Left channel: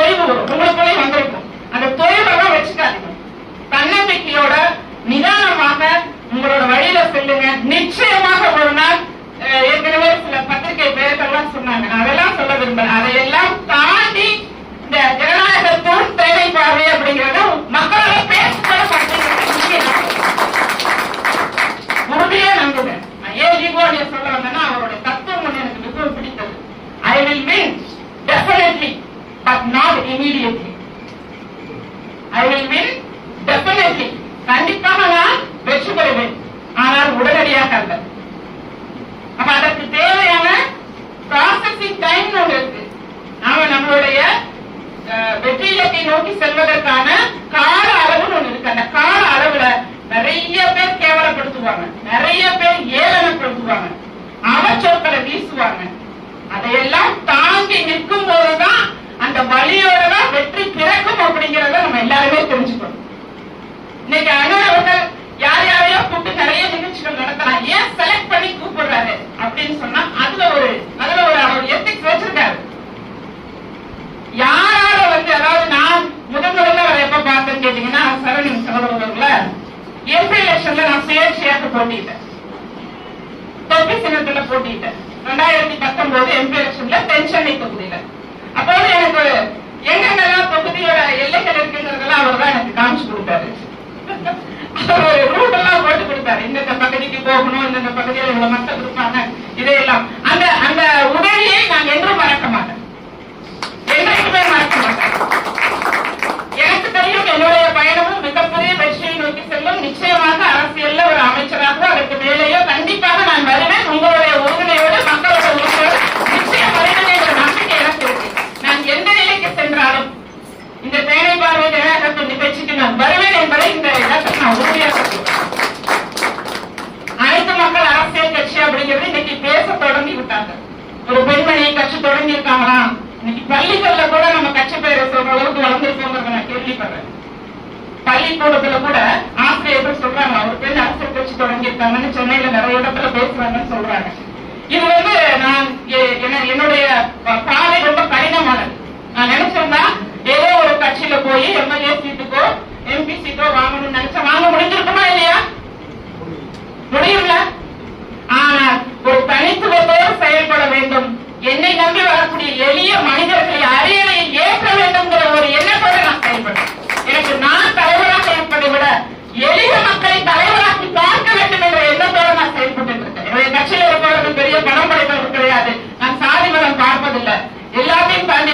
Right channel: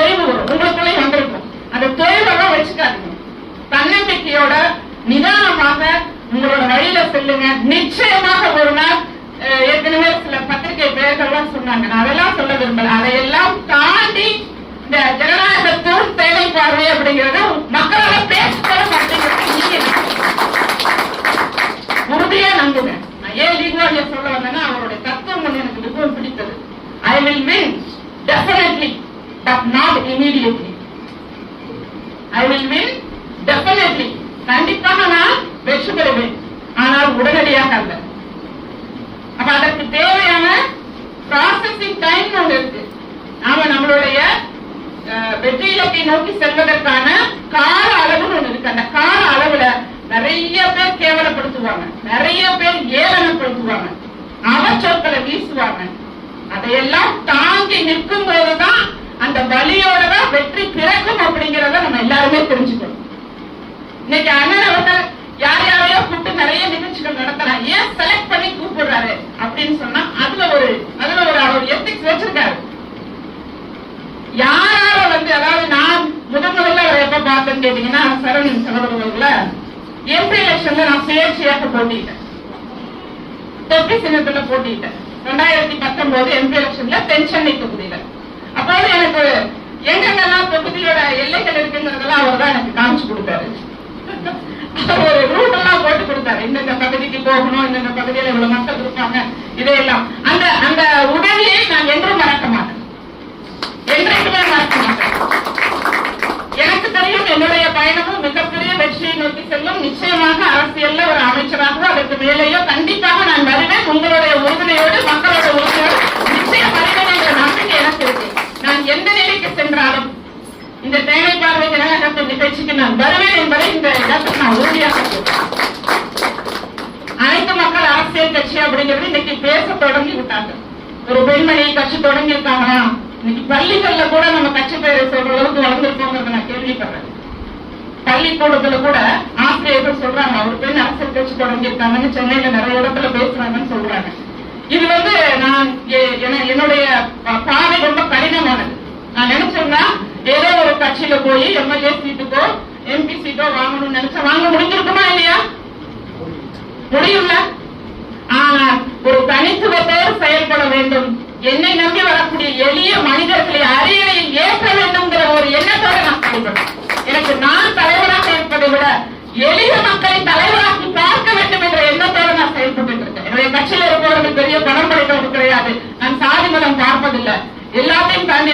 தொய்வு வரும், உங்களுக்குள்ளேயும் வந்திருக்கும். அந்த தொய்வெல்லாம் வச்சுக்காதீங்க. தன்னம்பிக்கையோட நிதானமாக உங்களோட வழியில செல்லுங்க. நிச்சயமாக ஒரு நாள், ஏற்கனவே சில பத்திரிகை பேர்கள்லாம் சொன்னாங்க, நான் அதெல்லாம் சொல்ல விரும்பல. அதையெல்லாம் தாண்டி இந்த ஜனநாயகத்தோடு தேவை பார்வை அப்படிங்கறத மக்களால பேச உறுதியா நம்புங்க. நான் ஏன் லீக்வாலியா சொல்ல வந்தேன்னா, அவருடைய தத்துவம் ஒன்று எனக்கு மிகவும் பிடித்தது. I will win definitely but not immediately. I will win definitely, கண்டிப்பாக நான் வெற்றி பெறுவேன், ஆனால் உடனடியாக அல்ல. அப்ப அதற்கு தேவையான ப்ராசஸிங் டைம் ஒன்று இருக்கு. நாம நம்மளுடைய வெற்றி இலக்கை நோக்கி செல்வதற்கான கால அளவுன்னு ஒண்ணு இருக்கு. அந்த கால அளவுல நிறைய பேர் கேவலப்படுத்துவாங்க, நிறைய பேர் ஏளனப்படுத்துவாங்க, அவச்சொற்களை வீசுவாங்க. அதையெல்லாம் தாங்கி நிற்கும் போதுதான் அந்த வழியோட தான் வெற்றி பிறக்கும் அப்படிங்கறத நம்ம எல்லாருமே தெரிஞ்சுக்கணும். இன்னைக்கு அண்ணன் அவர்கள் யார் யாரையோ கூப்பிட்டு நிறைய நிகழ்ச்சிகள் நடத்துறாங்க. ஏன் செலக்ட் பண்ணி கூப்பிடுறாரு அப்படின்னு சொன்னா அதுல ஒரு எத்திக்ஸ் வச்சிருக்காரு. யாரால அதாவது நான் முதல்ல எப்ப பார்த்தேன்னு கேட்டீங்கன்னா, சரவணன் சகோதரர்கள எம்பி எலெக்ஷன்ல நான் சுயேட்சையாக போட்டிட்டேன், தொட்டி சின்னத்துல போட்டிட்டேன். 2019 எம்பி எலெக்ஷன்ல தென்சென்னை தொகுதியில. அப்போது எனக்கு எங்கெங்கெல்லாம் தொகுதியோட எல்லைகள் இருக்குங்கிறதெல்லாம் அவர் தான் எனக்கு காமிச்சு கொடுத்தாரு. ஒரு ரூட் எல்லாம் போட்டு கொடுத்தாரு. இந்த பகுதிக்கு போகணும், இந்த பகுதியில் இவ்வளவு மக்கள் இருப்பாங்க, இதையெல்லாம். அந்த உதவியை நான் என்றும் மறக்க மாட்டேன், என்றைக்குமே மறக்க மாட்டேன். எனக்கு தெரியும் என்னுடைய பயணமும் மிகப்பெரிய வெற்றியை நோக்கி செல்லும். நிச்சயமாக அரசியல்ல ஒரு அமைச்சராக அதற்கு மேலேயோ கண்டிப்பாக நான் வருவேன். உங்களுடைய உறுதுணையோடு, மக்களோட உறுதியோடு நிச்சயம் வருவேன் என்ற நம்பிக்கை எனக்கு இருக்கு. நான் எந்த நிலைக்கு சென்றாலும் இந்த தேனை பார்வை ஜனநாயகத்தின் நிகழ்ச்சிக்கு நான் வருவேன் என்பதை இந்த இடத்தில் நான் உறுதியாக சொல்றேன். அனைத்து மக்கள் அரசியல் கட்சி அப்படிங்கிறது இன்னைக்கு பேச தொடங்கி விட்டாங்க. ஒரு பெண்மணி கட்சி தொடங்கி இருக்காங்களா? இன்னைக்கு பள்ளிகள்ல கூட நம்ம கட்சி பெயரை சொல்ற அளவுக்கு வளர்ந்துருக்கோங்கிறத நான் கேள்விப்படுறேன். பள்ளிக்கூடத்துல கூட ஆசிரியர்கள் சொல்றாங்க, ஒரு பெண் அரசியல் கட்சி தொடங்கி இருக்காங்கன்னு சென்னையில நிறைய இடத்துல பேசுறாங்கன்னு சொல்றாங்க. இது நான் என்னுடைய பாதை ரொம்ப கடினமானது. நான் நினைச்சேன்னா ஏதோ ஒரு கட்சியில போய் எம்எல்ஏ சீட்டுக்கோ எம்பி சீட்டோ வாங்கணும்னு நினைச்சா வாங்க முடிஞ்சிருக்குமா இல்லையா? முடியும்ல. ஆனா ஒரு தனித்துவத்தோடு செயல்பட வேண்டும். என்னை நம்பி வரக்கூடிய எளிய மனிதர்களை அரியணையில் ஏற்ற வேண்டும்ங்கிற ஒரு எண்ணத்தோடு நான் செயல்படுறேன். எனக்கு நான் தலைவராக இருப்பதை விட எளிய மக்களை தலைவராக்கி பார்க்க வேண்டும் என்ற எண்ணத்தோடு நான் செயல்பட்டு இருக்கேன். என்னுடைய கட்சியில் இருப்பவர்கள் பெரிய பணம் படைத்தவர்கள் கிடையாது. நான் சாதி மதம் பார்ப்பதில்லை. எல்லாத்தையும் தாண்டி